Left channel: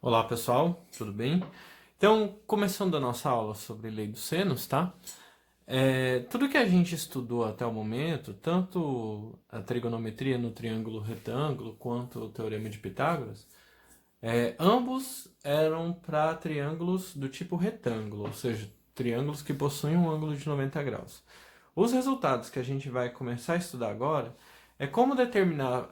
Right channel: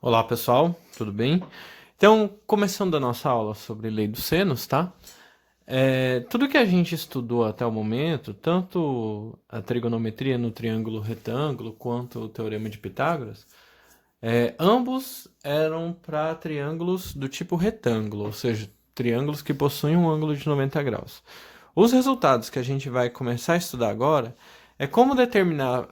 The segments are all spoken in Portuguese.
Olá pessoal, tudo bem? Então, começando a nossa aula sobre lei dos senos, tá? Tudo que a gente estudou até o momento, tanto a trigonometria no triângulo retângulo quanto o teorema de Pitágoras, ambos eram para triângulos do tipo retângulo, ou seja, triângulos que possuem um ângulo de 90 graus. Os resultados que a gente vai começar a estudar agora é como determinar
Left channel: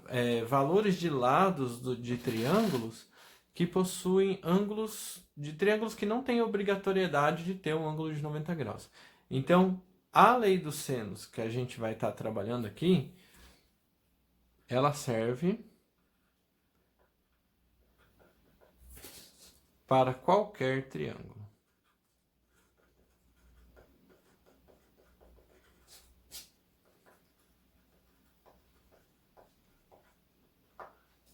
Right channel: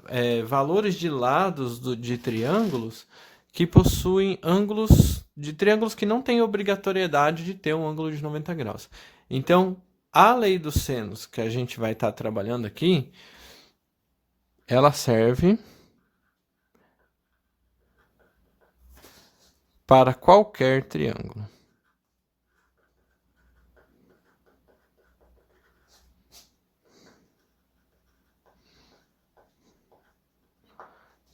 valores de lados de triângulos que possuem ângulos de triângulos que não têm obrigatoriedade de ter um ângulo de 90 graus. Então, a lei dos senos que a gente vai estar trabalhando aqui, ela serve para qualquer triângulo.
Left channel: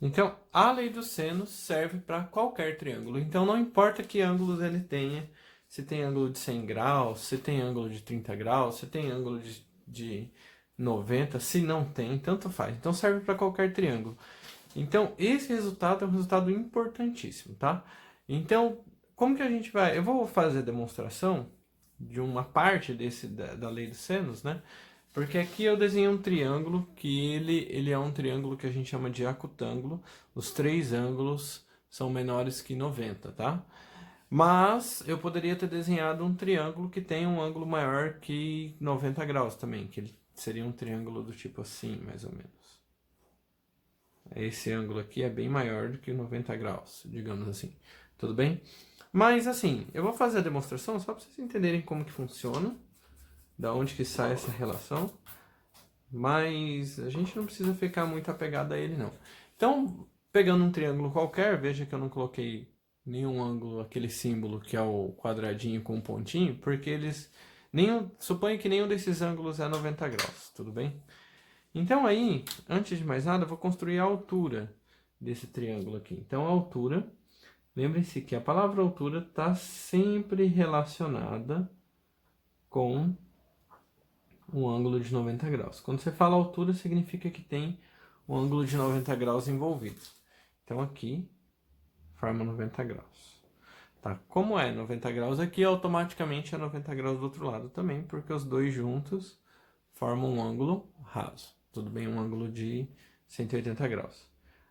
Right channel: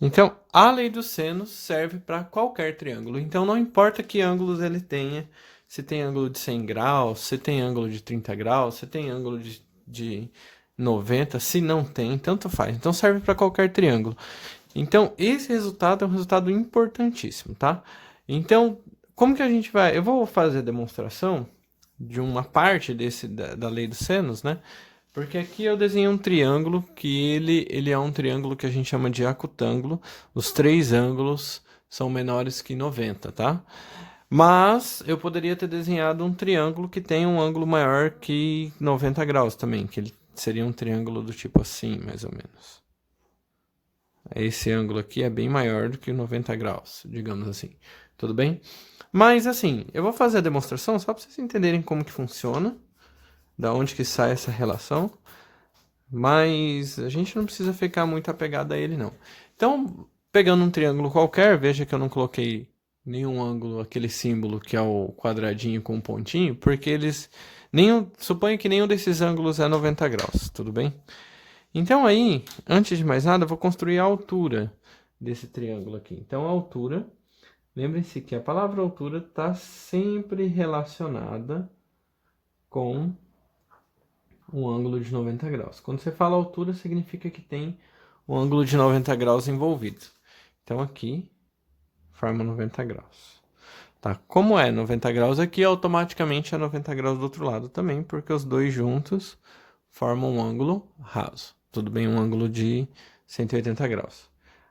Então, a lei dos senos serve para qualquer triângulo. Então, não importa que ângulos ele tenha, se tem ângulo de 100 graus, se tem ângulo de 30 graus, se tem ângulo de 90, se não tem, tanto faz. Então, serve para qualquer triângulo. Então, esse resultado é um resultado importantíssimo, tá? Então, como que a gente vai... Eu vou fazer a demonstração de uma parte da lei dos senos, né? Porque aqui eu desenhei um triângulo que ele é um triângulo que a gente chama de acutângulo. Os três ângulos são menores que 90, tá? Mas eu poderia ter desenhado um triângulo que tem um ângulo maior que 90 graus também, que ele seria um triângulo do tipo assim, mais ou menos. Esse ângulo aqui é bem maior do que 90 graus, digamos assim. Tudo bem? Mas assim, eu vou fazer a demonstração só para vocês entenderem como que funciona, da onde que sai essa relação. Mas a gente não precisa ficar muito apegado a ele, não. Então, pegando um triângulo qualquer, veja que eu não coloquei nenhum ângulo, aquele símbolo que é o quadradinho com um pontinho, porque suponho que nenhum desses ângulos é 90 graus, tudo bem? Então aí, antes de mais nada, eu vou construir a altura desse triângulo aqui. Então, a altura, lembre-se que a palavra altura está sempre relacionada com um ângulo de 90 graus. Quando você fala altura, significa que tem um ângulo de 90 graus envolvido. Então aqui forma 90 graus. Tá? Como é 90 graus aqui, automaticamente é 90 graus do outro lado também, porque os dois juntos formam um ângulo raso. Tudo bem? Um ângulo de 180 graus.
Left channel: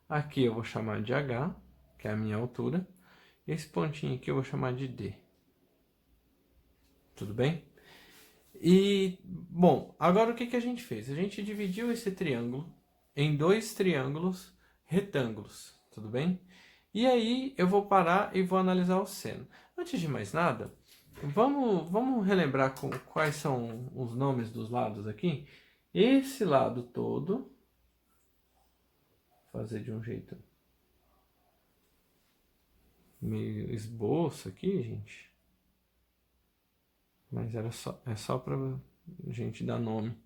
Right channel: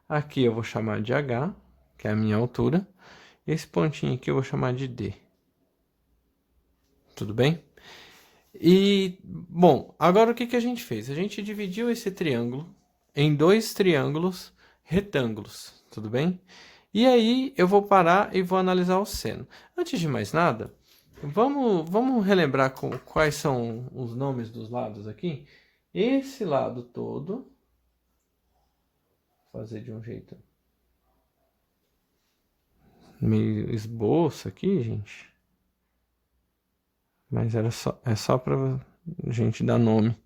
Aqui eu vou chamar de H, que é a minha altura. Esse pontinho aqui eu vou chamar de D. Tudo bem? E, bom, agora o que que a gente fez? A gente dividiu esse triângulo em dois triângulos retângulos, tudo bem? E aí eu vou parar e vou analisar o seno. Antes de mais nada, vamos relembrar quais são os nomes dos lados aqui? Esse lado todo, fazer de um jeito meio esboço aqui, gente. Mas é só para a gente dar nome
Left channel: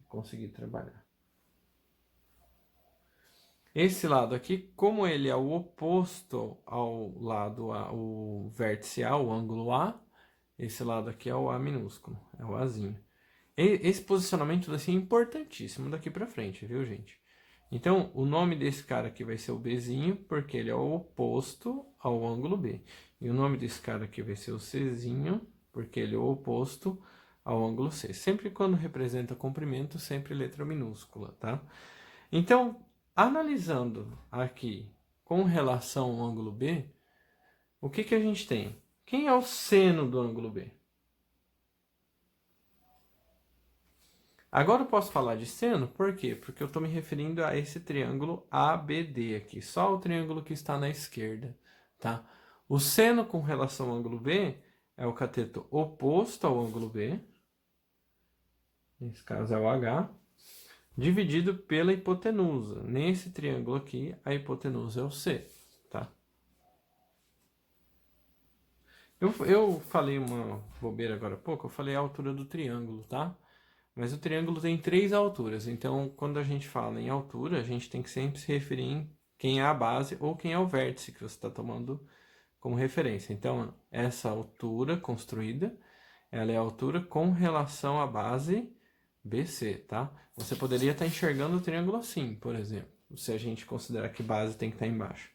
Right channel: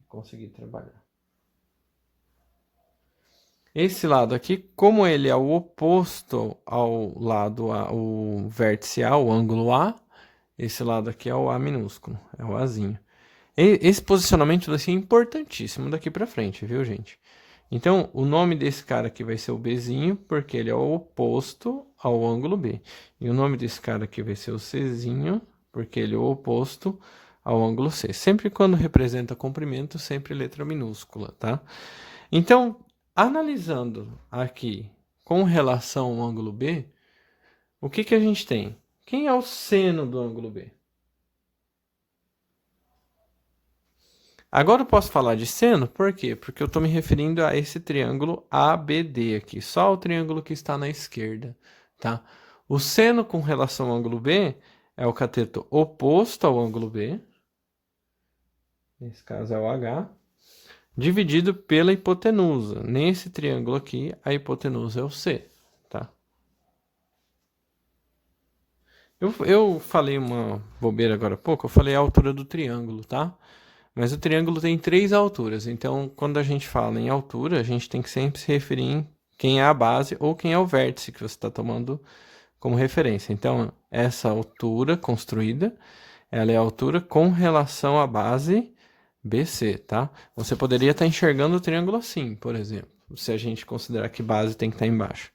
e conseguir trabalhar. Esse lado aqui, como ele é o oposto ao lado A, o vértice A, o ângulo A, esse lado aqui é o A minúsculo, é o Azinho. Esse posicionamento vai ser importantíssimo daqui para frente, viu, gente? Então, o nome desse cara aqui vai ser o Bzinho, porque ele é o oposto ao ângulo B. E o nome desse cara aqui vai ser o Czinho, porque ele é o oposto ao ângulo C. Sempre quando representa comprimento, sempre letra minúscula, tá? Então, analisando aqui com relação ao ângulo B, o que que a gente tem? Quem é o seno do ângulo B? Agora eu posso falar de seno, por quê? Porque eu estou me referindo a esse triângulo ABD aqui, só o triângulo que está na esquerda, tá? O seno com relação ao ângulo B é o cateto oposto ao ângulo B, nesse caso é o H, dividido pela hipotenusa. Nesse triângulo aqui, a hipotenusa é o C, tá? Eu falei uma bobeira agora há pouco, eu falei a altura do triângulo, tá? Mas o triângulo tem três alturas, então quando a gente fala em altura, a gente tem que sempre se referir em quem é a base ou quem é o vértice que você está tomando como referência. Então, essa altura construída, ela é a altura com relação à base BC, tá? Você poderia estar enxergando o triângulo assim, por exemplo, se a gente considerar que base tem que estar embaixo.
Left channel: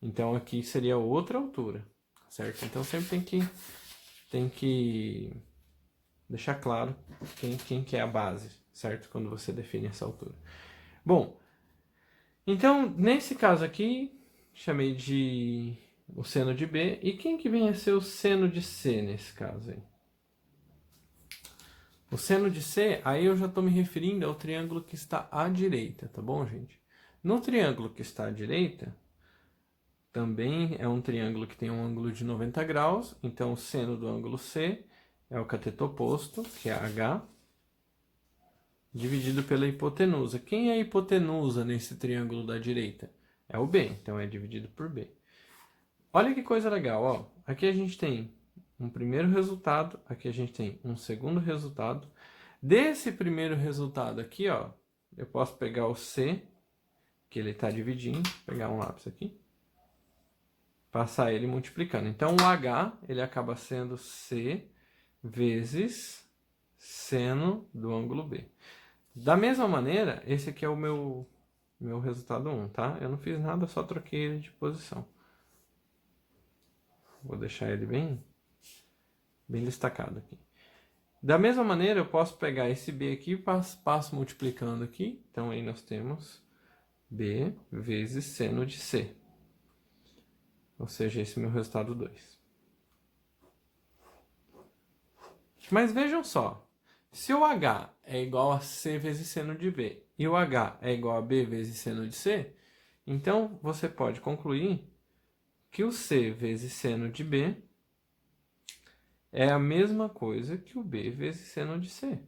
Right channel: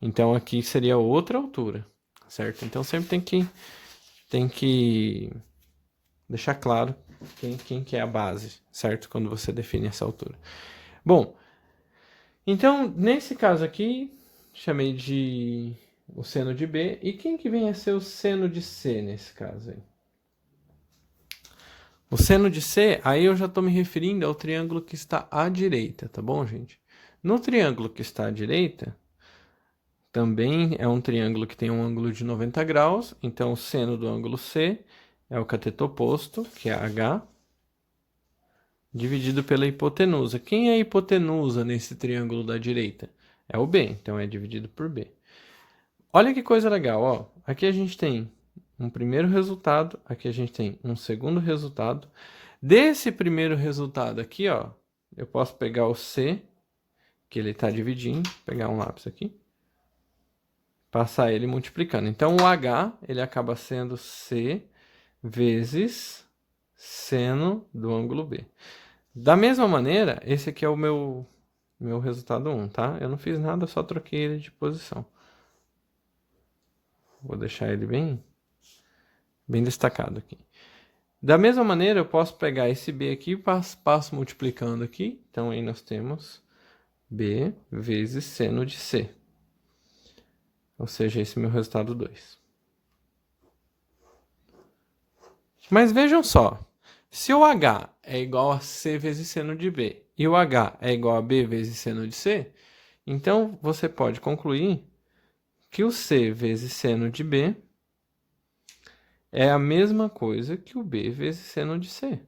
Então, aqui seria outra altura, certo? Então, sempre tem que deixar claro quem que é a base, certo? Quando você define essa altura. Bom, então, nesse caso aqui, chamei de o seno de B. E quem que vem a ser o seno de C nesse caso aí? O seno de C, aí eu já estou me referindo ao triângulo que está à direita, tá bom, gente? No triângulo que está à direita, também é um triângulo que tem um ângulo de 90 graus, então o seno do ângulo C é o cateto oposto, que é H, dividido pela hipotenusa. Quem é a hipotenusa nesse triângulo da direita? É o B, então é dividido por B. Olha que coisa legal, ó. Aqui a gente tem um primeiro resultado, aqui a gente tem um segundo resultado. Desse primeiro resultado aqui, ó, eu posso pegar o C, que ele está dividindo, pegar um lápis aqui, passar ele multiplicando. Então, o H, ele acaba sendo C vezes seno do ângulo B. Da mesma maneira, esse aqui é o meu resultado 1, tá? Eu não fiz nada, eu só troquei ele de posição. Vou deixar ele bem destacado aqui. Da mesma maneira, eu posso pegar esse B aqui e passo multiplicando aqui. Então, aí nós temos B vezes seno de C. Ou seja, esse é o meu resultado 2. Mas vejam só, se o H é igual a C vezes seno de B e o H é igual a B vezes seno de C, então você pode concluir que o C vezes seno de B é a mesma coisa que o B vezes seno de C.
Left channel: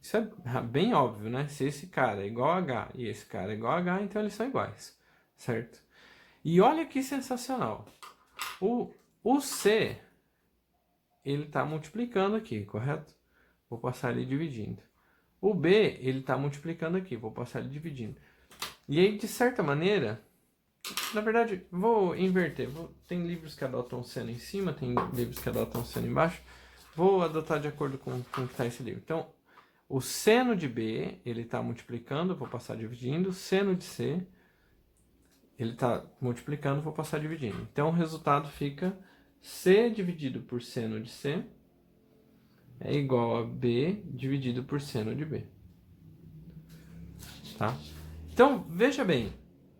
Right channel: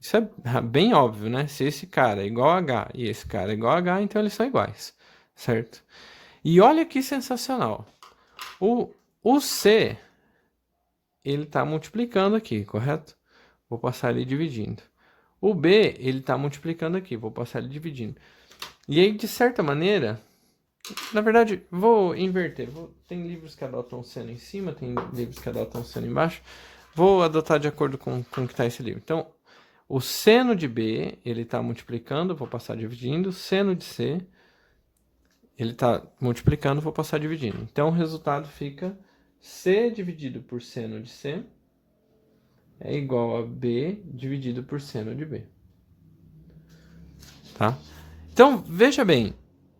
Isso é bem óbvio, né? Se esse cara é igual a H e esse cara é igual a H, então eles são iguais, certo? E olha que sensacional. O C, ele está multiplicando aqui, correto? Vou passar ele dividindo. O B, ele está multiplicando aqui, vou passar ele dividindo. E aí, de certa maneira, na verdade, vou inverter. Tem livros que adotam seno em cima, tem livros que adotam seno embaixo. Vou adotar de acordo com o que está esse livro. Então, o seno de B, ele está multiplicando, vou passar dividindo. Seno de C, ele está multiplicando, vou passar dividindo. Então, o resultado fica C dividido por seno de C é igual a B dividido por seno de B. Tá? Então, veja bem,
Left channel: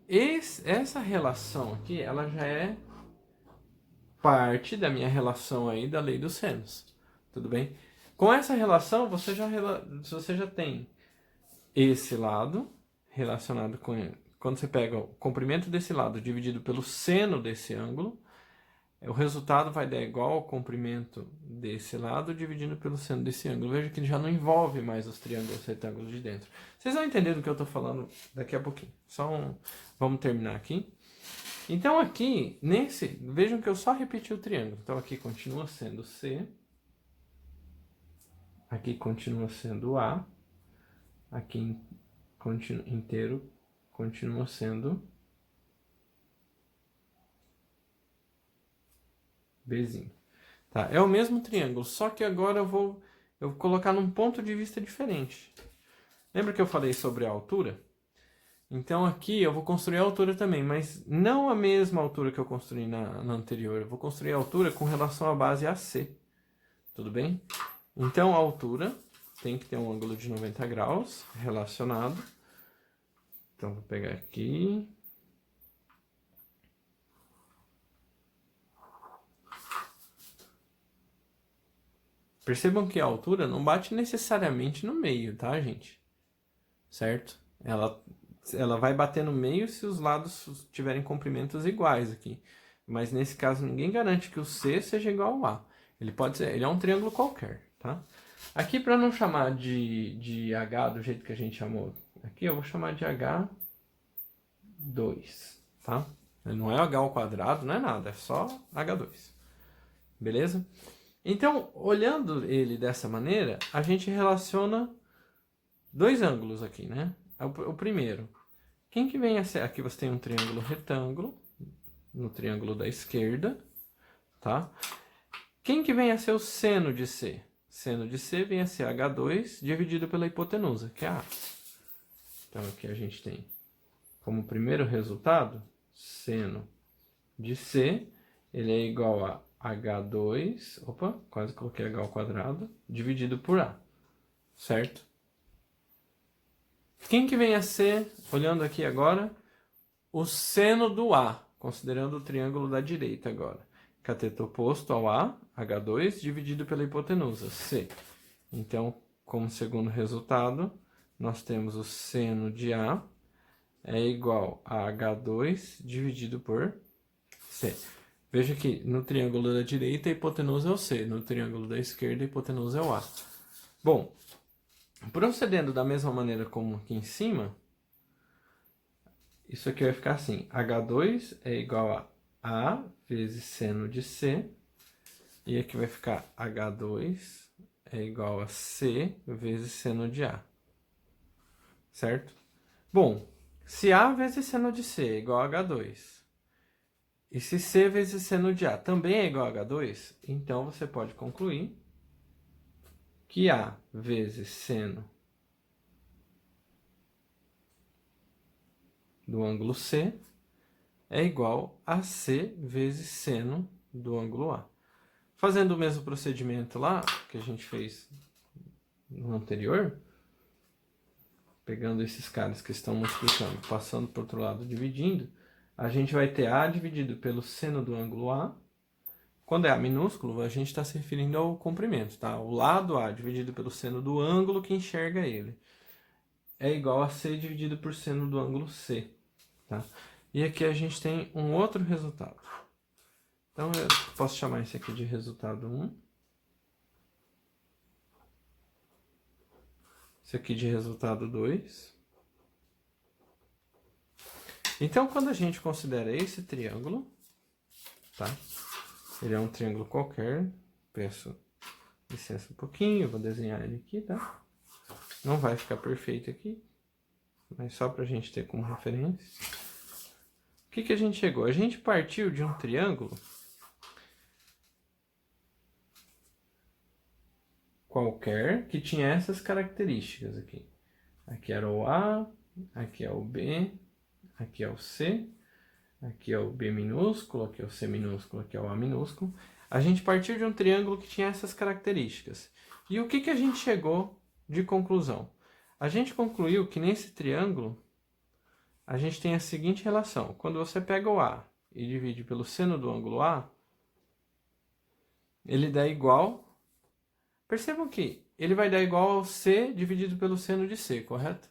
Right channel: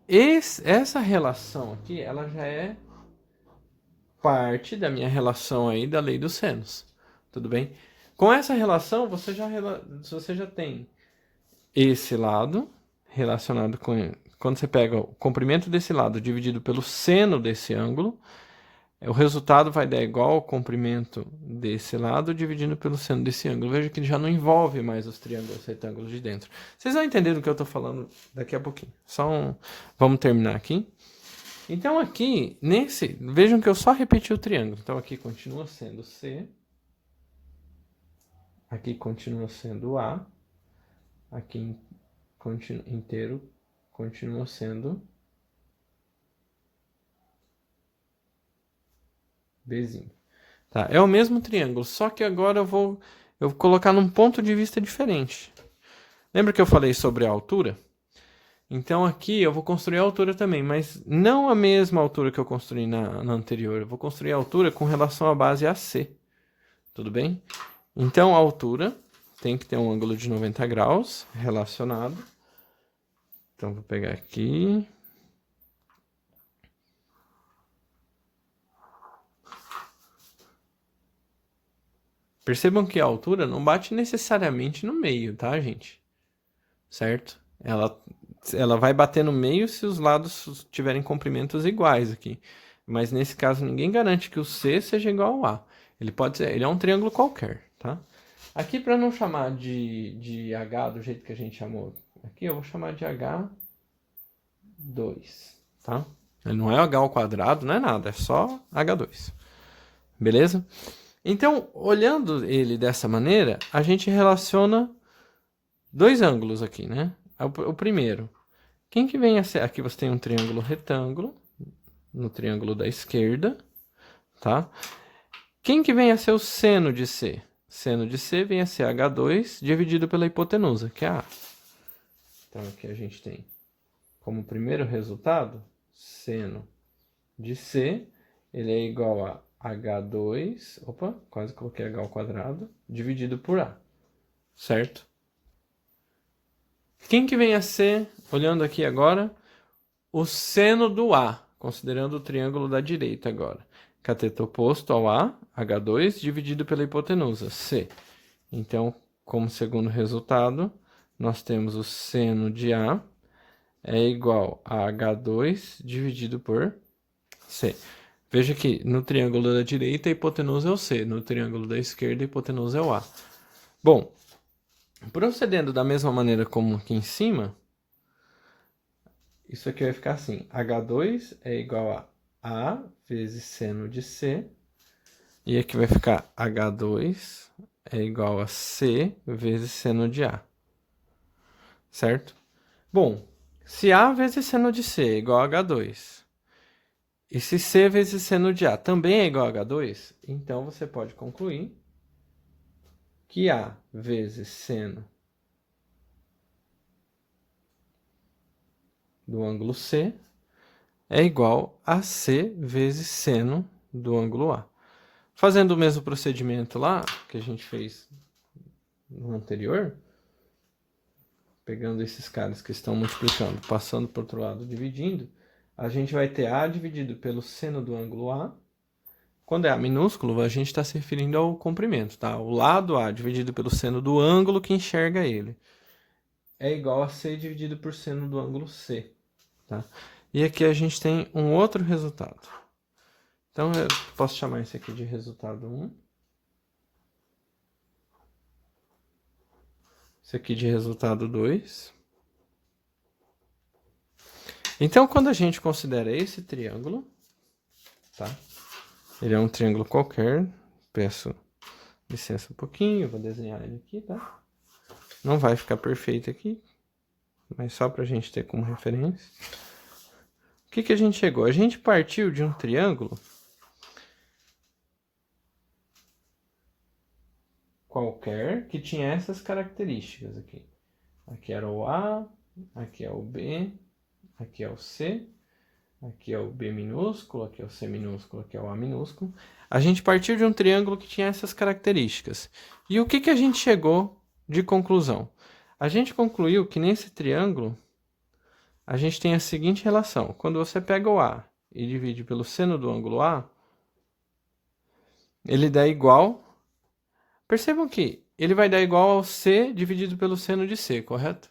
essa relação aqui, ela já é parte da minha relação aí da lei dos senos. Tudo bem? Com essa relação, você já tem esse lado relacionado com... Quando você pega o comprimento desse lado dividido pelo seno desse ângulo, o resultado vai dar igual ao comprimento desse lado dividido pelo seno desse ângulo. Veja que ele já não envolve mais os triângulos retângulos de dentro. Vocês vão entender do que eu estou falando daqui a pouquinho. Vamos terminar aqui. Então aqui, vejam que eu só repeti o triângulo. Então aqui continua sendo C. Aqui continua sendo A. Aqui inteiro continua sendo Bzinho. Tá? É o mesmo triângulo, só que agora eu vou colocar num ponto de vista diferente. Lembra que eu falei sobre a altura? Então aqui eu vou construir a altura também, mas não a mesma altura que eu construí na anterior. Eu vou construir a altura com relação à base AC. Tudo bem? Então a altura tem que ter um ângulo de 90 graus relacionado. Então vou pegar aqui. Percebam que a altura não bate necessariamente no meio, tá, gente? Certo? Ela vai bater no meio se os lados tiverem comprimentos iguais aqui. Mas nesse caso, ninguém garante que o C seja igual ao A. Ele é um triângulo qualquer, tá? Aqui, para não chamar de H do jeito que a gente chamou aqui, eu vou chamar de H2, tá? Ele não é H ao quadrado, não é nada, é só H2. Beleza? Então, olhando ele dessa maneira, a gente relaciona dois ângulos aqui, né? O primeiro, quem que vem a ser? Aqui você tem um triângulo retângulo, no triângulo da esquerda, tá? Quem que vem a ser o seno de C? Seno de C vem a ser H2 dividido pela hipotenusa, que é A. Então, aqui a gente tem como primeiro resultado, seno de C, ele é igual a H2, opa, quase coloquei H ao quadrado, dividido por A, certo? Quem que vem a ser, olhando aqui agora, o seno do A, considerando o triângulo da direita agora. Cateto oposto ao A, H2, dividido pela hipotenusa, C. Então, como segundo resultado, nós temos o seno de A é igual a H2 dividido por C. Veja que no triângulo da direita a hipotenusa é o C, no triângulo da esquerda a hipotenusa é o A. Bom, procedendo da mesma maneira como aqui em cima, isso aqui vai ficar assim, H2 é igual a A vezes seno de C, e aqui vai ficar H2 é igual a C vezes seno de A, certo? Bom, se A vezes seno de C é igual a H2, e se C vezes seno de A também é igual a H2, então você pode concluir que A vezes seno do ângulo C é igual a C vezes seno do ângulo A. Fazendo o mesmo procedimento lá que a gente fez no anterior, pegando esses caras que estão multiplicando, passando para o outro lado, dividindo, a gente vai ter A dividido pelo seno do ângulo A. Quando é A minúsculo, a gente está se referindo ao comprimento, tá? O lado A dividido pelo seno do ângulo que enxerga ele é igual a C dividido por seno do ângulo C, tá? E aqui a gente tem um outro resultado. Então, eu posso chamar isso aqui de resultado 1. Isso aqui de resultado 2. Então, quando a gente considera esse triângulo, tá? Ele é um triângulo qualquer. Peço licença um pouquinho, vou desenhar ele aqui, tá? Não vai ficar perfeito aqui, mas só pra gente ter como referência. O que que a gente chegou? A gente partiu de um triângulo qualquer que tinha essas características aqui. Aqui era o A, aqui é o B, aqui é o C, aqui é o B minúsculo, aqui é o C minúsculo, aqui é o A minúsculo. A gente partiu de um triângulo que tinha essas características. E o que que a gente chegou de conclusão? A gente concluiu que nesse triângulo a gente tem a seguinte relação. Quando você pega o A e divide pelo seno do ângulo A, ele dá igual. Percebam que ele vai dar igual ao C dividido pelo seno de C, correto?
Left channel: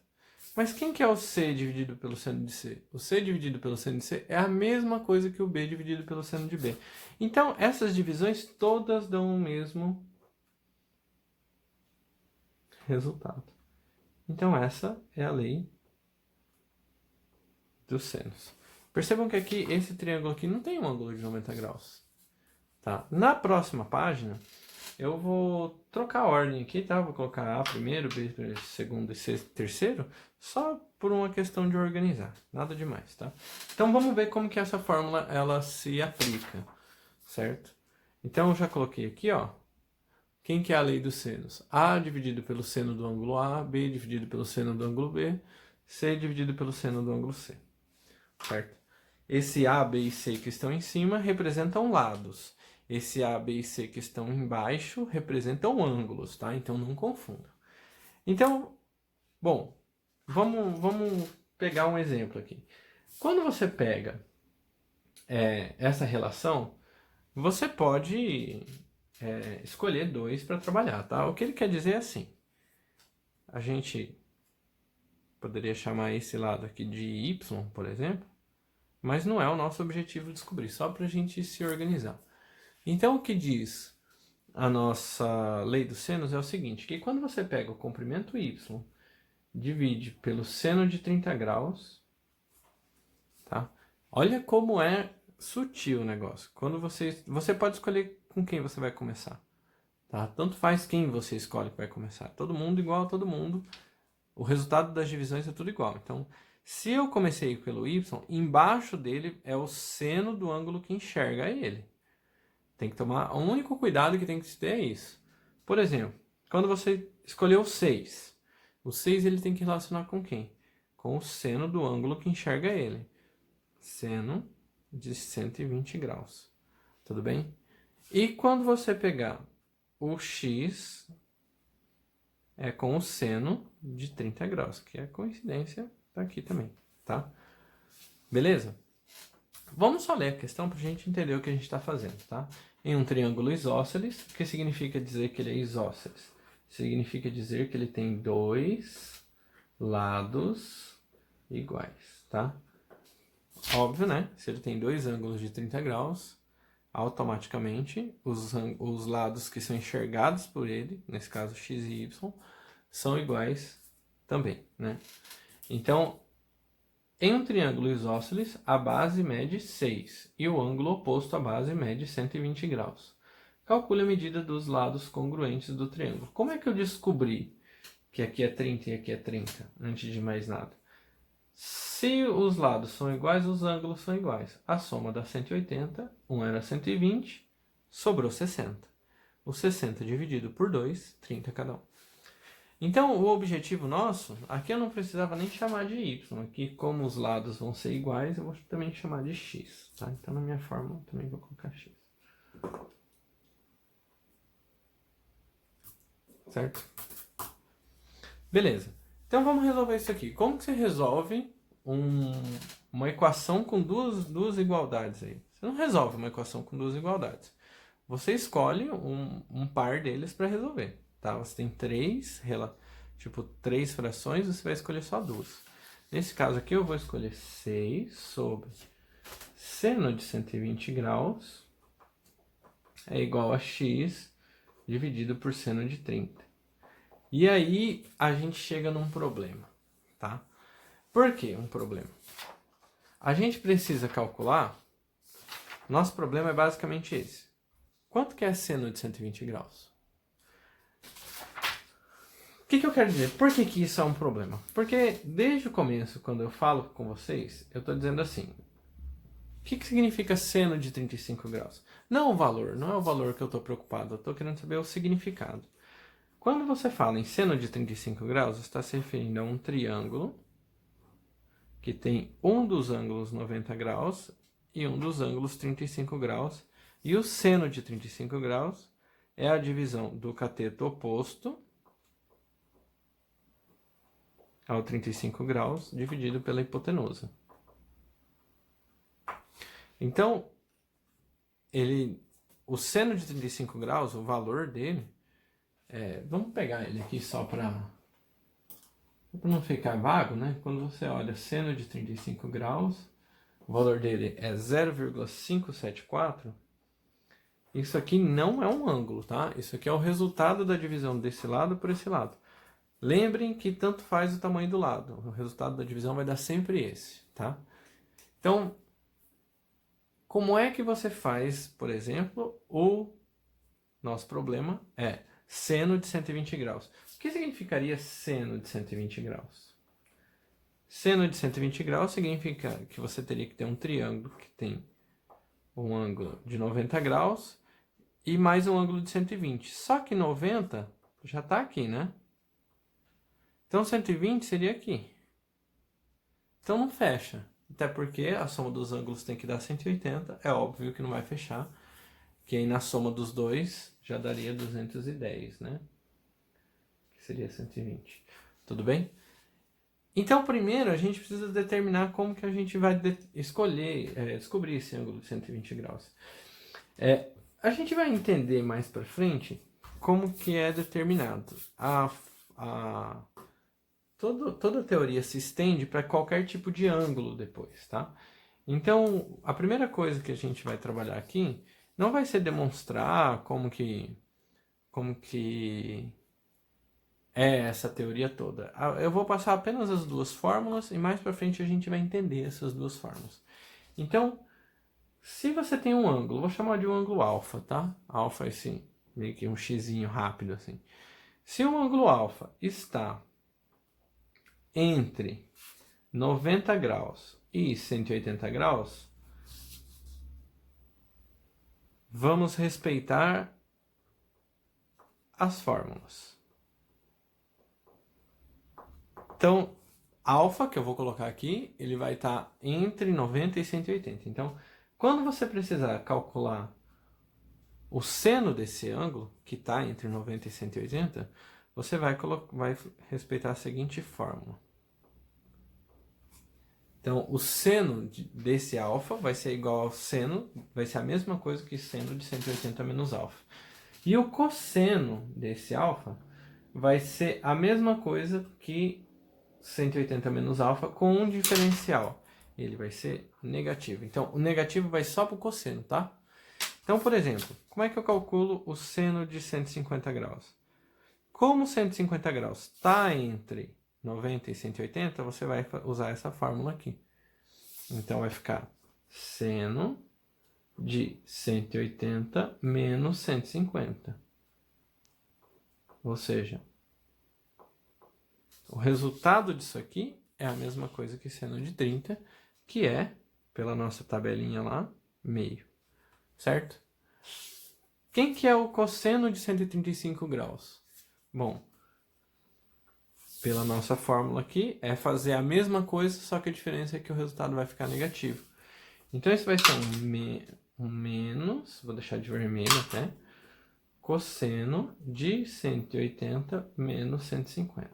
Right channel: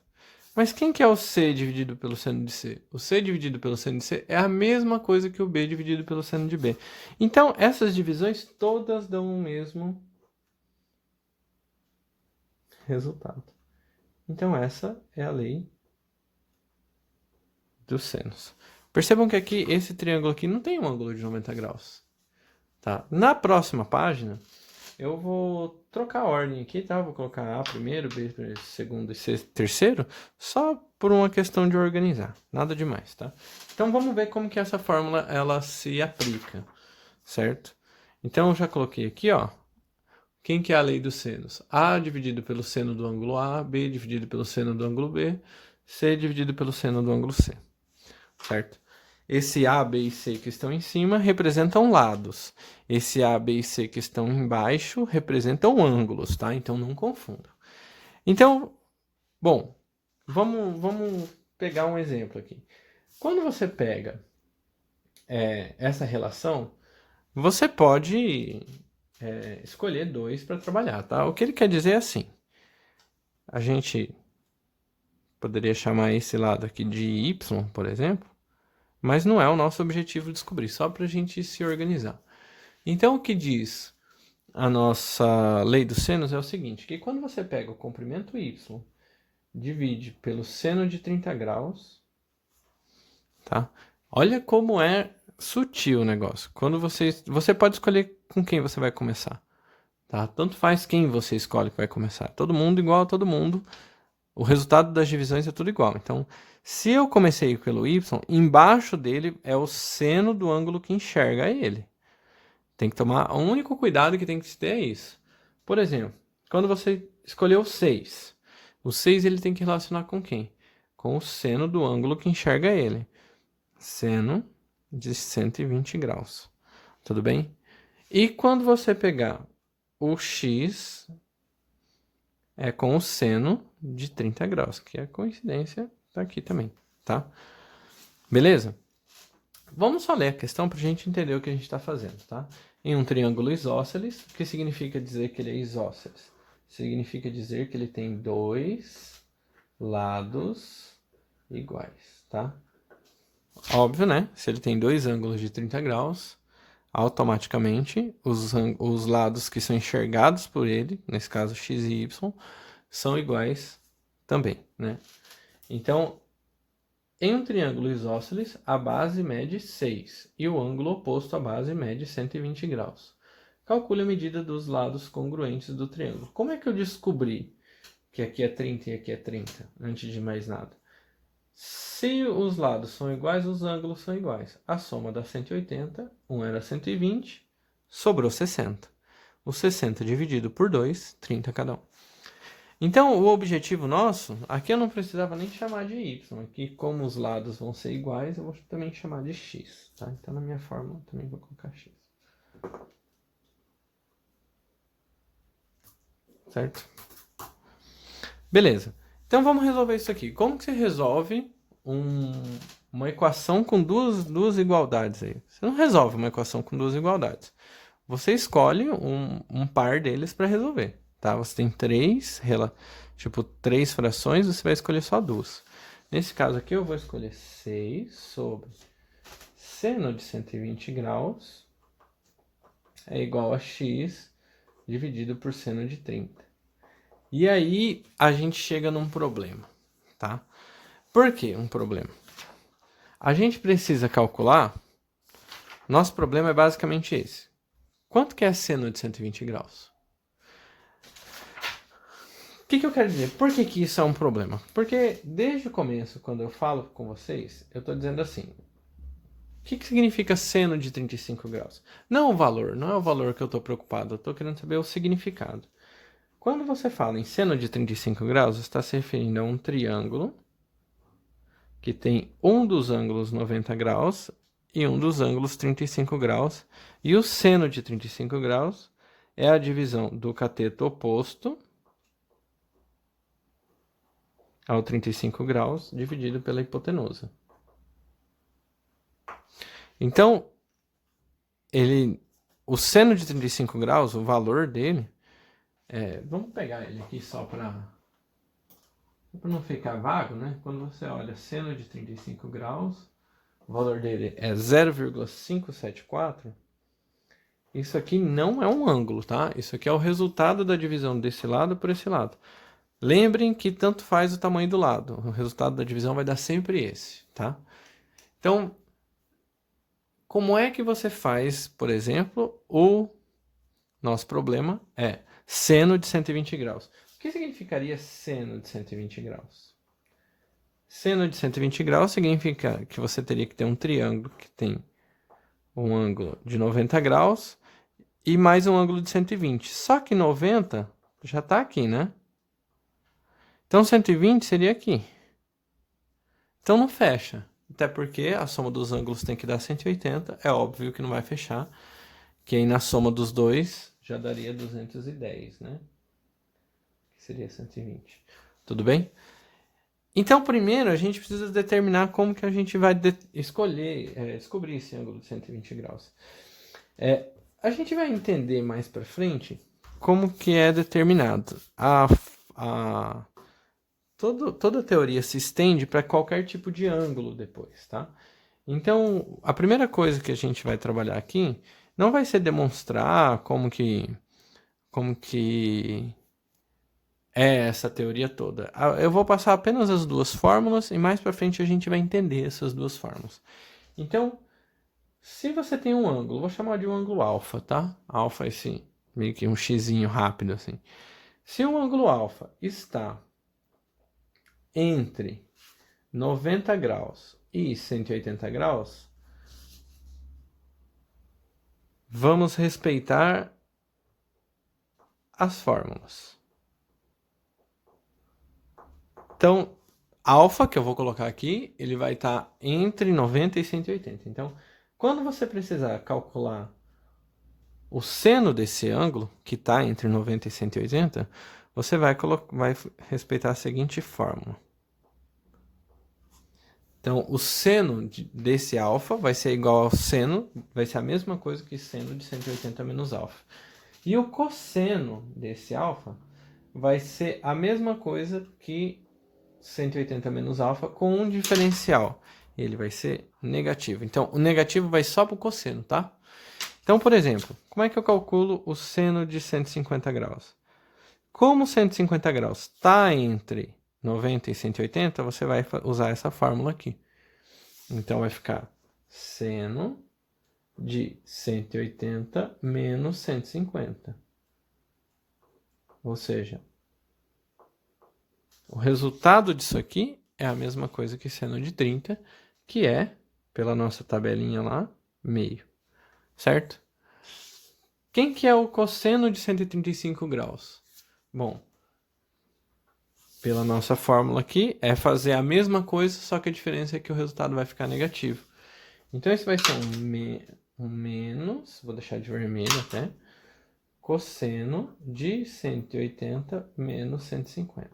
Mas quem que é o C dividido pelo seno de C? O C dividido pelo seno de C é a mesma coisa que o B dividido pelo seno de B. Então, essas divisões todas dão o mesmo resultado. Então, essa é a lei dos senos. Percebam que aqui, esse triângulo aqui não tem um ângulo de 90 graus. Tá? Na próxima página, eu vou trocar a ordem aqui, tá? Vou colocar A primeiro, B segundo e C terceiro, só por uma questão de organizar, nada demais, tá? Então vamos ver como que essa fórmula ela se aplica, certo? Então eu já coloquei aqui, ó, quem que é a lei dos senos? A dividido pelo seno do ângulo A, B dividido pelo seno do ângulo B, C dividido pelo seno do ângulo C, certo? Esse A, B e C que estão em cima representam lados. Esse A, B e C que estão embaixo representam ângulos, tá? Então não confundam. Então, bom, vamos pegar um exemplo aqui. Quando você pega essa relação, você pode escolher dois para trabalhar, tá? O que ele quer dizer é assim. A gente poderia chamar esse lado aqui de Y, por exemplo, mas não é o nosso objetivo descobrir, só para a gente se organizar. Então, o que diz a nossa lei dos senos é o seguinte, que quando você pega o comprimento y, divide pelo seno de 30 graus, tá? Olha como é sutil o negócio. Quando você pode escolher com quem você vai começar, tá? Tanto faz quem você escolhe que vai começar. Todo mundo igual a todo mundo. O resultado das divisões é tudo igual. Então, se eu comecei pelo y, embaixo dele é o seno do ângulo que enxerga ele. Tem que tomar... O único cuidado que tem que se ter é isso. Por exemplo, quando você escolheu o 6, o 6 ele tem que relacionar com quem? com o seno do ângulo que enxerga ele. Seno de 120 graus. Tudo bem? E quando você pegar o x, é com o seno de 30 graus, que a coincidência tá aqui também, tá? Beleza? Vamos só ler a questão para a gente entender o que a gente está fazendo, tá? Em um triângulo isósceles, o que significa dizer que ele é isósceles? Significa dizer que ele tem dois lados iguais, tá? Óbvio, né? Se ele tem dois ângulos de 30 graus, automaticamente os lados que são enxergados por ele, nesse caso x e y, são iguais também, né? Então, em um triângulo isósceles, a base mede 6 e o ângulo oposto à base mede 120 graus. Calcule a medida dos lados congruentes do triângulo. Como é que eu descobri que aqui é 30 e aqui é 30, antes de mais nada? Se os lados são iguais, os ângulos são iguais. A soma dá 180, um era 120, sobrou 60. O 60 dividido por 2, 30 cada um. Então, o objetivo nosso, aqui eu não precisava nem chamar de y. Aqui, como os lados vão ser iguais, eu vou também chamar de x, tá? Então, na minha fórmula, eu também vou colocar x. Certo? Beleza. Então, vamos resolver isso aqui. Como que você resolve uma equação com duas igualdades aí? Você não resolve uma equação com duas igualdades. Você escolhe um par deles para resolver, tá? Você tem três frações, você vai escolher só duas. Nesse caso aqui, eu vou escolher 6 sobre seno de 120 graus é igual a x dividido por seno de 30. E aí, a gente chega num problema, tá? Por que um problema? A gente precisa calcular, nosso problema é basicamente esse. Quanto que é seno de 120 graus? O que eu quero dizer? Por que isso é um problema? Porque desde o começo, quando eu falo com vocês, eu estou dizendo assim, o que significa seno de 35 graus? Não o valor, não é o valor que eu estou preocupado, eu estou querendo saber o significado. Quando você fala em seno de 35 graus, está se referindo a um triângulo que tem um dos ângulos 90 graus e um dos ângulos 35 graus. E o seno de 35 graus é a divisão do cateto oposto ao 35 graus dividido pela hipotenusa. Então, o seno de 35 graus, o valor dele, vamos pegar ele aqui só para não ficar vago, né? Quando você olha seno de 35 graus, o valor dele é 0,574. Isso aqui não é um ângulo, tá? Isso aqui é o resultado da divisão desse lado por esse lado. Lembrem que tanto faz o tamanho do lado. O resultado da divisão vai dar sempre esse, tá? Então, como é que você faz, por exemplo, o nosso problema é seno de 120 graus. O que significaria seno de 120 graus? Seno de 120 graus significa que você teria que ter um triângulo que tem um ângulo de 90 graus e mais um ângulo de 120. Só que 90 já está aqui, né? Então 120 seria aqui. Então não fecha. Até porque a soma dos ângulos tem que dar 180. É óbvio que não vai fechar. Que aí na soma dos dois já daria 210, né? Que seria 120. Tudo bem? Então, primeiro, a gente precisa determinar como que a gente vai descobrir esse ângulo de 120 graus. A gente vai entender mais para frente como que é determinado. Toda a teoria se estende para qualquer tipo de ângulo depois, tá? Então, a primeira coisa que a gente vai trabalhar aqui não vai ser demonstrar como que é essa teoria toda. Eu vou passar apenas as duas fórmulas e mais para frente a gente vai entender essas duas fórmulas. Então, se você tem um ângulo, vou chamar de um ângulo alfa, tá? Alfa é esse meio que um xizinho rápido assim. Se o ângulo alfa está entre 90 graus e 180 graus, vamos respeitar as fórmulas. Então, alfa, que eu vou colocar aqui, ele vai estar entre 90 e 180. Então, quando você precisar calcular o seno desse ângulo, que está entre 90 e 180, você vai respeitar a seguinte fórmula. Então, o seno desse alfa vai ser igual ao seno, vai ser a mesma coisa que seno de 180 menos alfa. E o cosseno desse alfa vai ser a mesma coisa que 180 menos alfa com um diferencial. Ele vai ser negativo. Então, o negativo vai só para o cosseno, tá? Então, por exemplo, como é que eu calculo o seno de 150 graus? Como 150 graus está entre 90 e 180, você vai usar essa fórmula aqui. Então, vai ficar seno de 180 menos 150. Ou seja, o resultado disso aqui é a mesma coisa que seno de 30, que é, pela nossa tabelinha lá, meio. Certo? Quem que é o cosseno de 135 graus? Bom, pela nossa fórmula aqui, é fazer a mesma coisa, só que a diferença é que o resultado vai ficar negativo. Então, isso vai ser um menos, vou deixar de vermelho até, cosseno de 180 menos 150.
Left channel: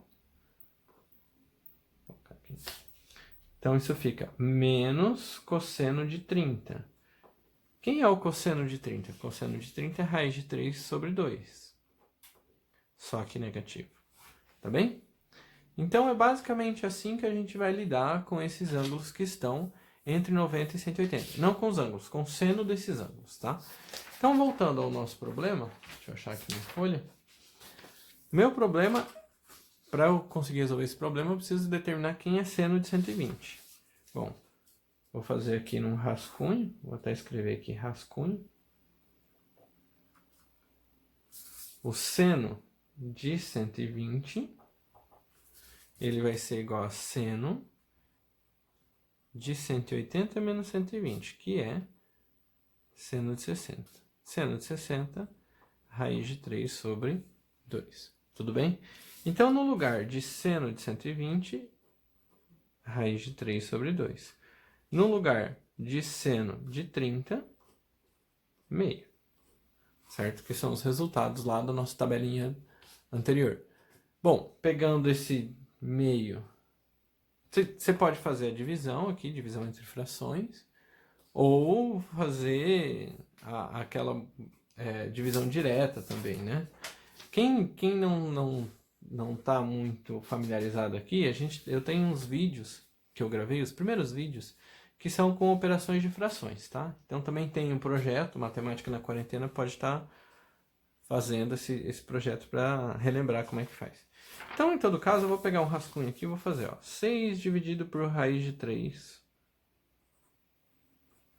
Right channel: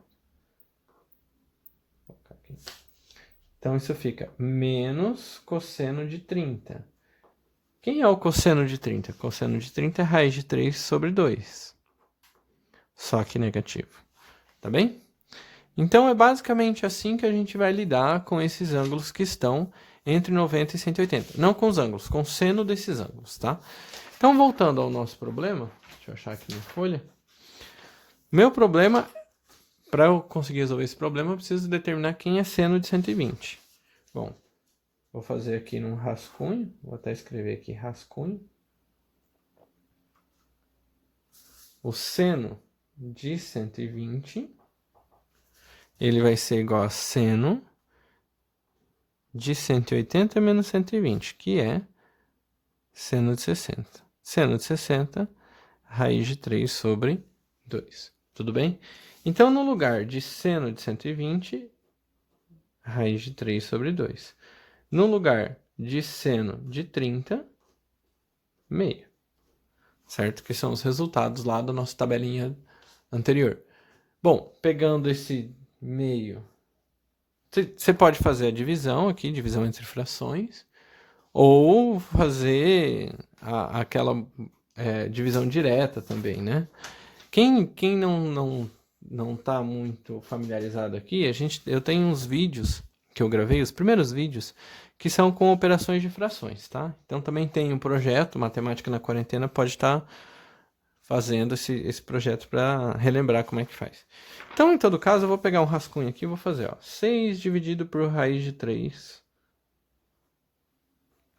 Então, isso fica menos cosseno de 30. Quem é o cosseno de 30? Cosseno de 30 é raiz de 3 sobre 2. Só que negativo. Tá bem? Então, é basicamente assim que a gente vai lidar com esses ângulos que estão entre 90 e 180. Não com os ângulos, com o seno desses ângulos, tá? Então, voltando ao nosso problema, deixa eu achar aqui minha folha. Meu problema, para eu conseguir resolver esse problema, eu preciso determinar quem é seno de 120. Bom, vou fazer aqui num rascunho, vou até escrever aqui rascunho. O seno de 120, ele vai ser igual a seno de 180 menos 120, que é seno de 60. Seno de 60, raiz de 3 sobre 2. Tudo bem? Então, no lugar de seno de 120, raiz de 3 sobre 2. No lugar de seno de 30, meio. Certo? Que são os resultados lá da nossa tabelinha anterior. Bom, pegando esse meio, você pode fazer a divisão aqui, divisão entre frações, ou fazer aquela divisão direta também, né? Quem não tá muito familiarizado aqui, eu tenho uns vídeos que eu gravei, os primeiros vídeos, que são com operações de frações, tá? Então também tem um projeto, Matemática na Quarentena, pode estar fazendo esse projeto para relembrar como é que faz. Então, em todo caso, eu vou pegar um rascunho aqui e vou fazer, ó, 6 dividido por raiz de 3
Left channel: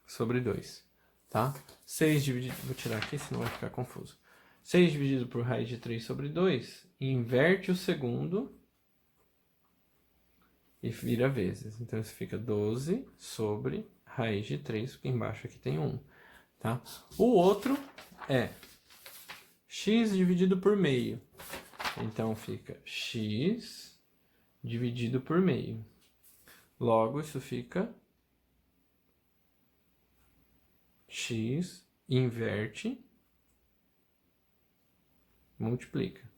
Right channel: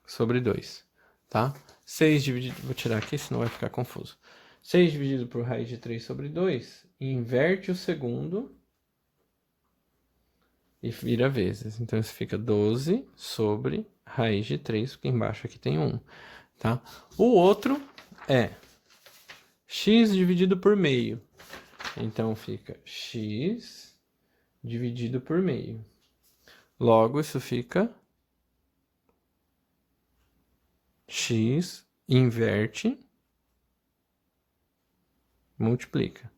sobre 2, tá? 6 dividido, vou tirar aqui, senão vai ficar confuso. 6 dividido por raiz de 3 sobre 2, inverte o segundo e vira vezes. Então, isso fica 12 sobre raiz de 3, porque embaixo aqui tem 1, tá? O outro é x dividido por meio. Então, fica x dividido por meio. Logo, isso fica x inverte, multiplica.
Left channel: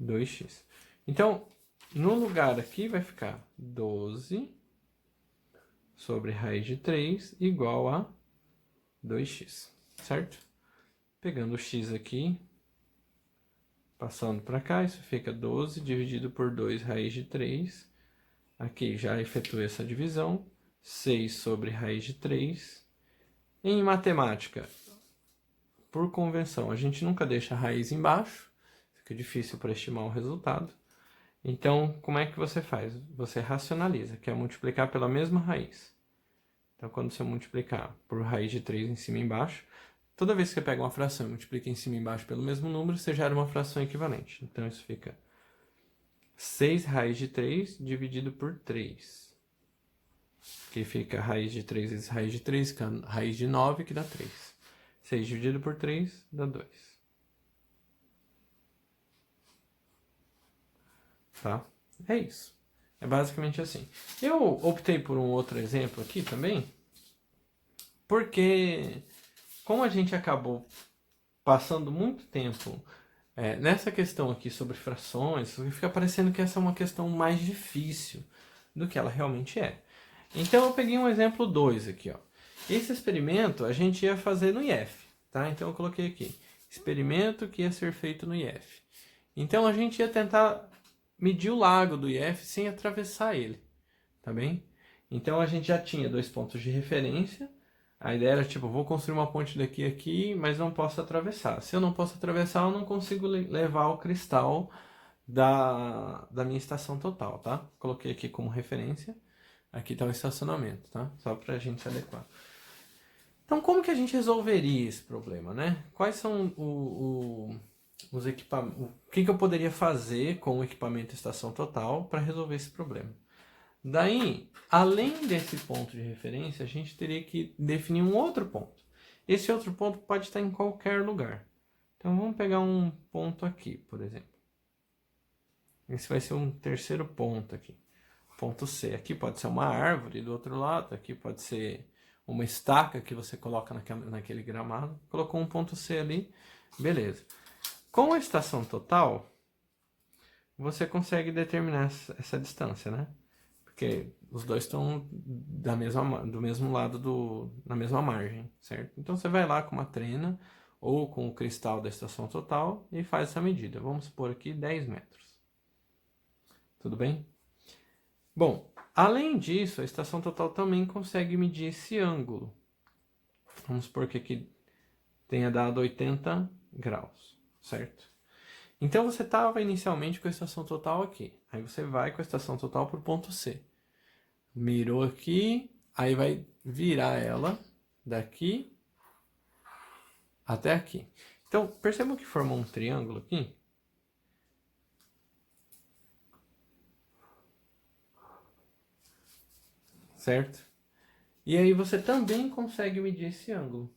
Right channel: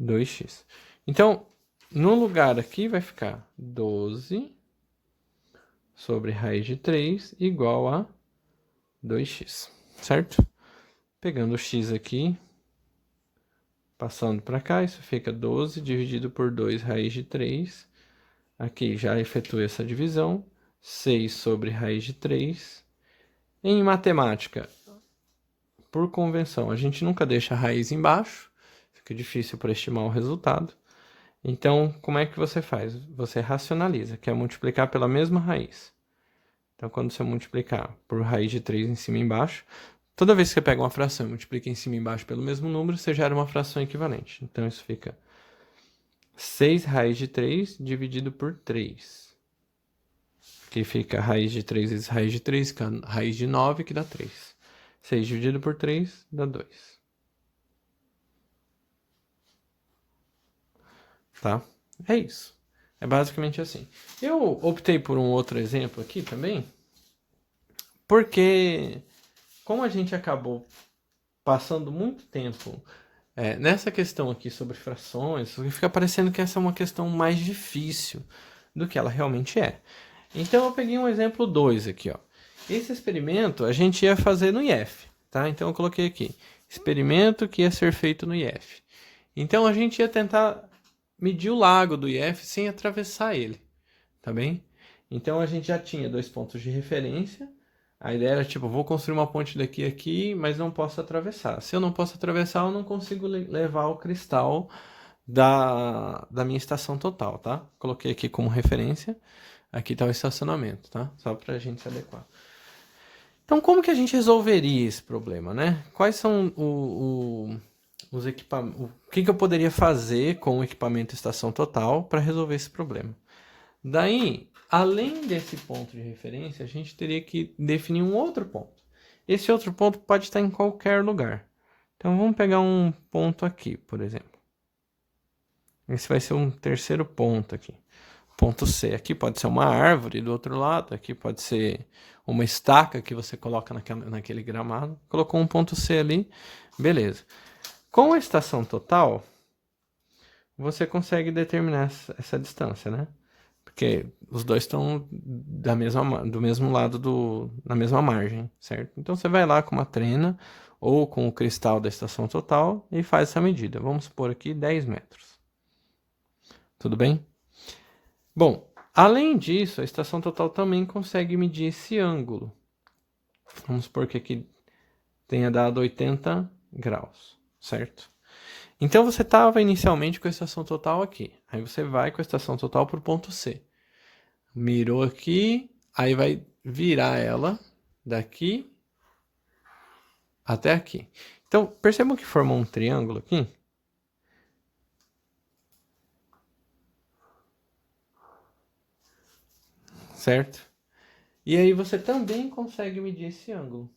2x. Então, no lugar aqui vai ficar 12 sobre raiz de 3 igual a 2x, certo? Pegando o x aqui, passando para cá, isso fica 12 dividido por 2 raiz de 3. Aqui já efetuei essa divisão. 6 sobre raiz de 3. Em matemática, por convenção, a gente nunca deixa a raiz embaixo. Fica difícil para estimar o resultado. Então, como é que você faz? Você racionaliza, que é multiplicar pela mesma raiz. Então, quando você multiplicar por raiz de 3 em cima e embaixo, toda vez que você pega uma fração e multiplica em cima e embaixo pelo mesmo número, você gera uma fração equivalente. Então, isso fica 6 raiz de 3 dividido por 3. Que fica raiz de 3 vezes raiz de 3, que é raiz de 9, que dá 3. 6 dividido por 3 dá 2. Tá? É isso. É basicamente assim. Eu optei por um outro exemplo aqui também, porque como a gente acabou passando muito tempo nessa questão aqui sobre frações, fica parecendo que essa é uma questão mais difícil do que ela realmente é. Então eu peguei um exemplo 2 aqui, ó. Esse experimento a gente ia fazer no IF, tá? Então eu coloquei aqui, experimento que ia ser feito no IF. Então a gente ia tentar medir o lago do IF sem atravessar ele, tá bem? Então a gente já tinha 2 pontos de referência. A ideia era tipo, vou construir uma ponte daqui a aqui, mas não posso atravessar. Se eu não posso atravessar, eu não consigo levar o cristal da minha estação total, tá? Coloquei aqui como referência. Aqui está o estacionamento, tá? Só para a gente se adequar. Então, como que a gente resolveria esse problema, né? Quais são os equipamentos? O que eu poderia fazer com o equipamento estação total para resolver esse problema? Daí, além desse ponto de referência, a gente teria que definir um outro ponto. Esse outro ponto pode estar em qualquer lugar. Então, vamos pegar um ponto aqui, por exemplo. Esse vai ser um terceiro ponto aqui. Ponto C. Aqui pode ser uma árvore do outro lado, aqui pode ser uma estaca que você coloca naquele gramado. Colocou um ponto C ali, beleza. Com a estação total, você consegue determinar essa distância, né? Porque os dois estão do mesmo lado na mesma margem, certo? Então você vai lá com uma trena ou com o cristal da estação total e faz essa medida. Vamos supor aqui 10 metros. Tudo bem? Bom, além disso, a estação total também consegue medir esse ângulo. Vamos supor que aqui tenha dado 80 graus, certo? Então você estava inicialmente com a estação total aqui. Aí você vai com a estação total para o ponto C. Mirou aqui, aí vai virar ela daqui até aqui. Então, percebam que formou um triângulo aqui? Certo? E aí você também consegue medir esse ângulo.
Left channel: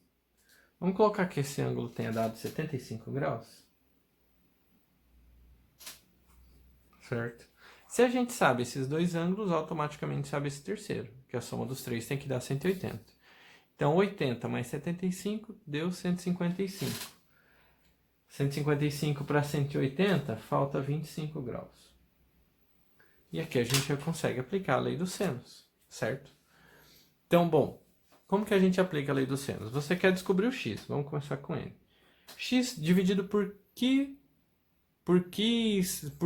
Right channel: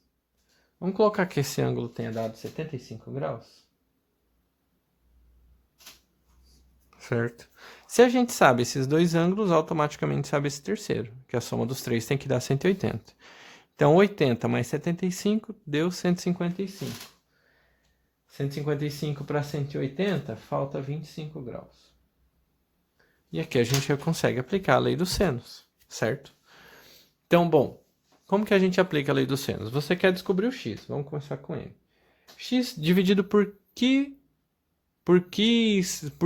Vamos colocar que esse ângulo tenha dado 75 graus. Certo? Se a gente sabe esses dois ângulos, automaticamente sabe esse terceiro, que a soma dos três tem que dar 180. Então, 80 mais 75 deu 155. 155 para 180, falta 25 graus. E aqui a gente já consegue aplicar a lei dos senos, certo? Então, bom, como que a gente aplica a lei dos senos? Você quer descobrir o x, vamos começar com ele. X dividido por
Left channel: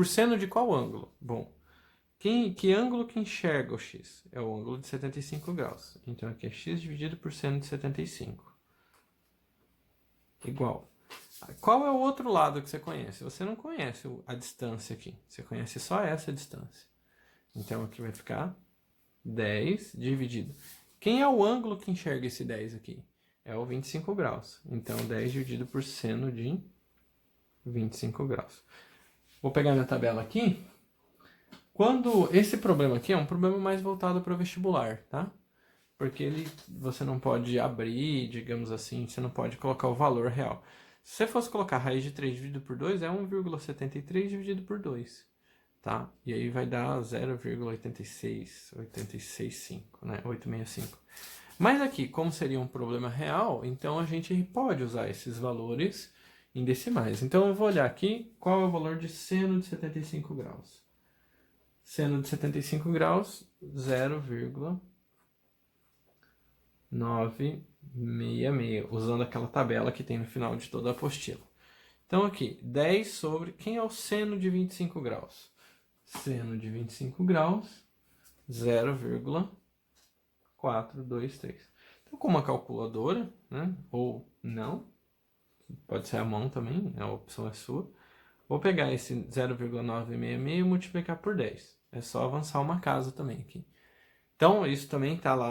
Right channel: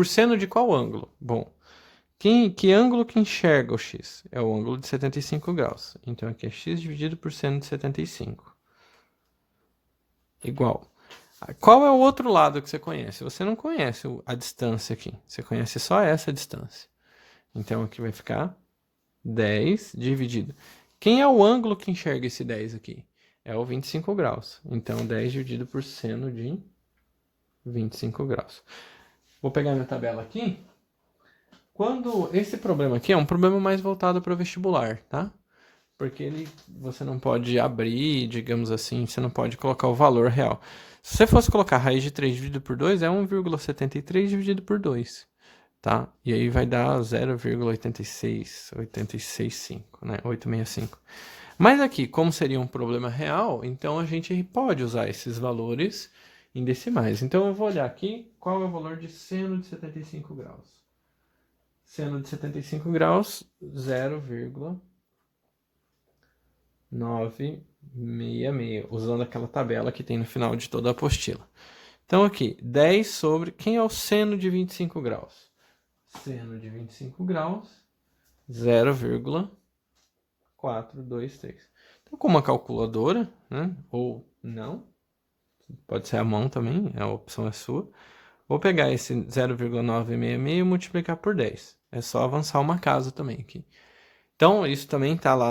seno de qual ângulo? Bom, que ângulo que enxerga o x? É o ângulo de 75 graus. Então aqui é x dividido por seno de 75. Igual. Qual é o outro lado que você conhece? Você não conhece a distância aqui. Você conhece só essa distância. Então aqui vai ficar 10 dividido. Quem é o ângulo que enxerga esse 10 aqui? É o 25 graus. Então 10 dividido por seno de 25 graus. Vou pegar minha tabela aqui. Quando esse problema aqui é um problema mais voltado para o vestibular, tá? Porque você não pode abrir, digamos assim, você não pode colocar o valor real. Se você fosse colocar raiz de 3 dividido por 2, é 1,73 dividido por 2, tá? E aí vai dar 0,865, né? 865. Mas aqui, como seria um problema real, então a gente pode usar esses valores em decimais. Então eu vou olhar aqui qual é o valor de seno de 75 graus. Seno de 75 graus, 0,966, usando aquela tabela que tem no final de toda a apostila. Então aqui, 10 sobre... Quem é o seno de 25 graus? Seno de 25 graus, 0,423. Então, com uma calculadora, né? Ou não, pode ser a mão também, a opção é sua. Vou pegar esse 0,966 e multiplicar por 10. É só avançar uma casa também aqui. Então, isso também está lá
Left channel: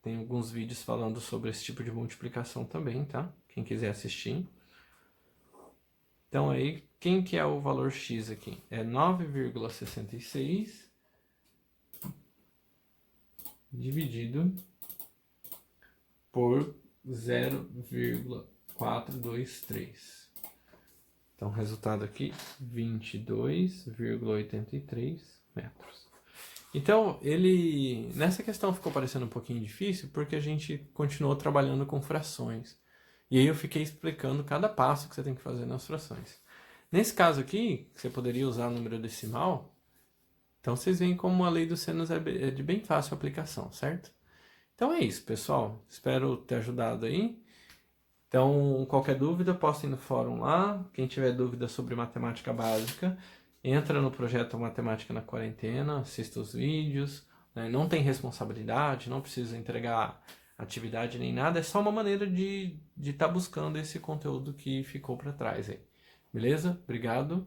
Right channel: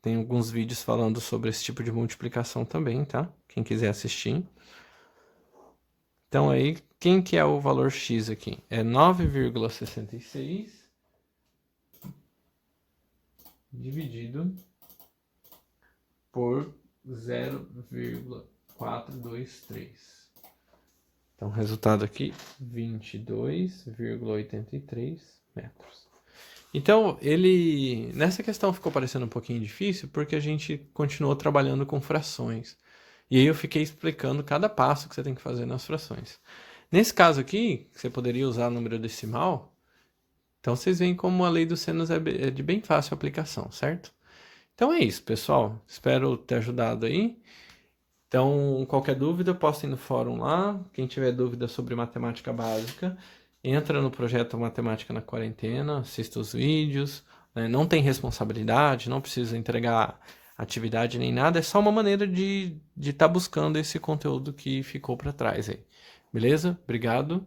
Tem alguns vídeos falando sobre esse tipo de multiplicação também, tá? Quem quiser assistir. Então, aí, quem que é o valor x aqui? É 9,66 dividido por 0,423. Então, resultado aqui, 22,83 metros. Então, nessa questão ficou parecendo um pouquinho difícil porque a gente continuou trabalhando com frações. E aí eu fiquei explicando cada passo que você tem que fazer nas frações. Nesse caso aqui, você poderia usar número decimal. Então, vocês veem como a lei dos senos é de bem fácil aplicação, certo? Então é isso, pessoal. Espero ter ajudado aí. Então, qualquer dúvida, postem no fórum lá. Quem tiver dúvida sobre matemática básica, entra no projeto Matemática na Quarentena, assista os vídeos, né? Não tem responsabilidade, não precisa entregar atividade nem nada, é só uma maneira de estar buscando esse conteúdo que ficou para trás aí. Beleza? Obrigado.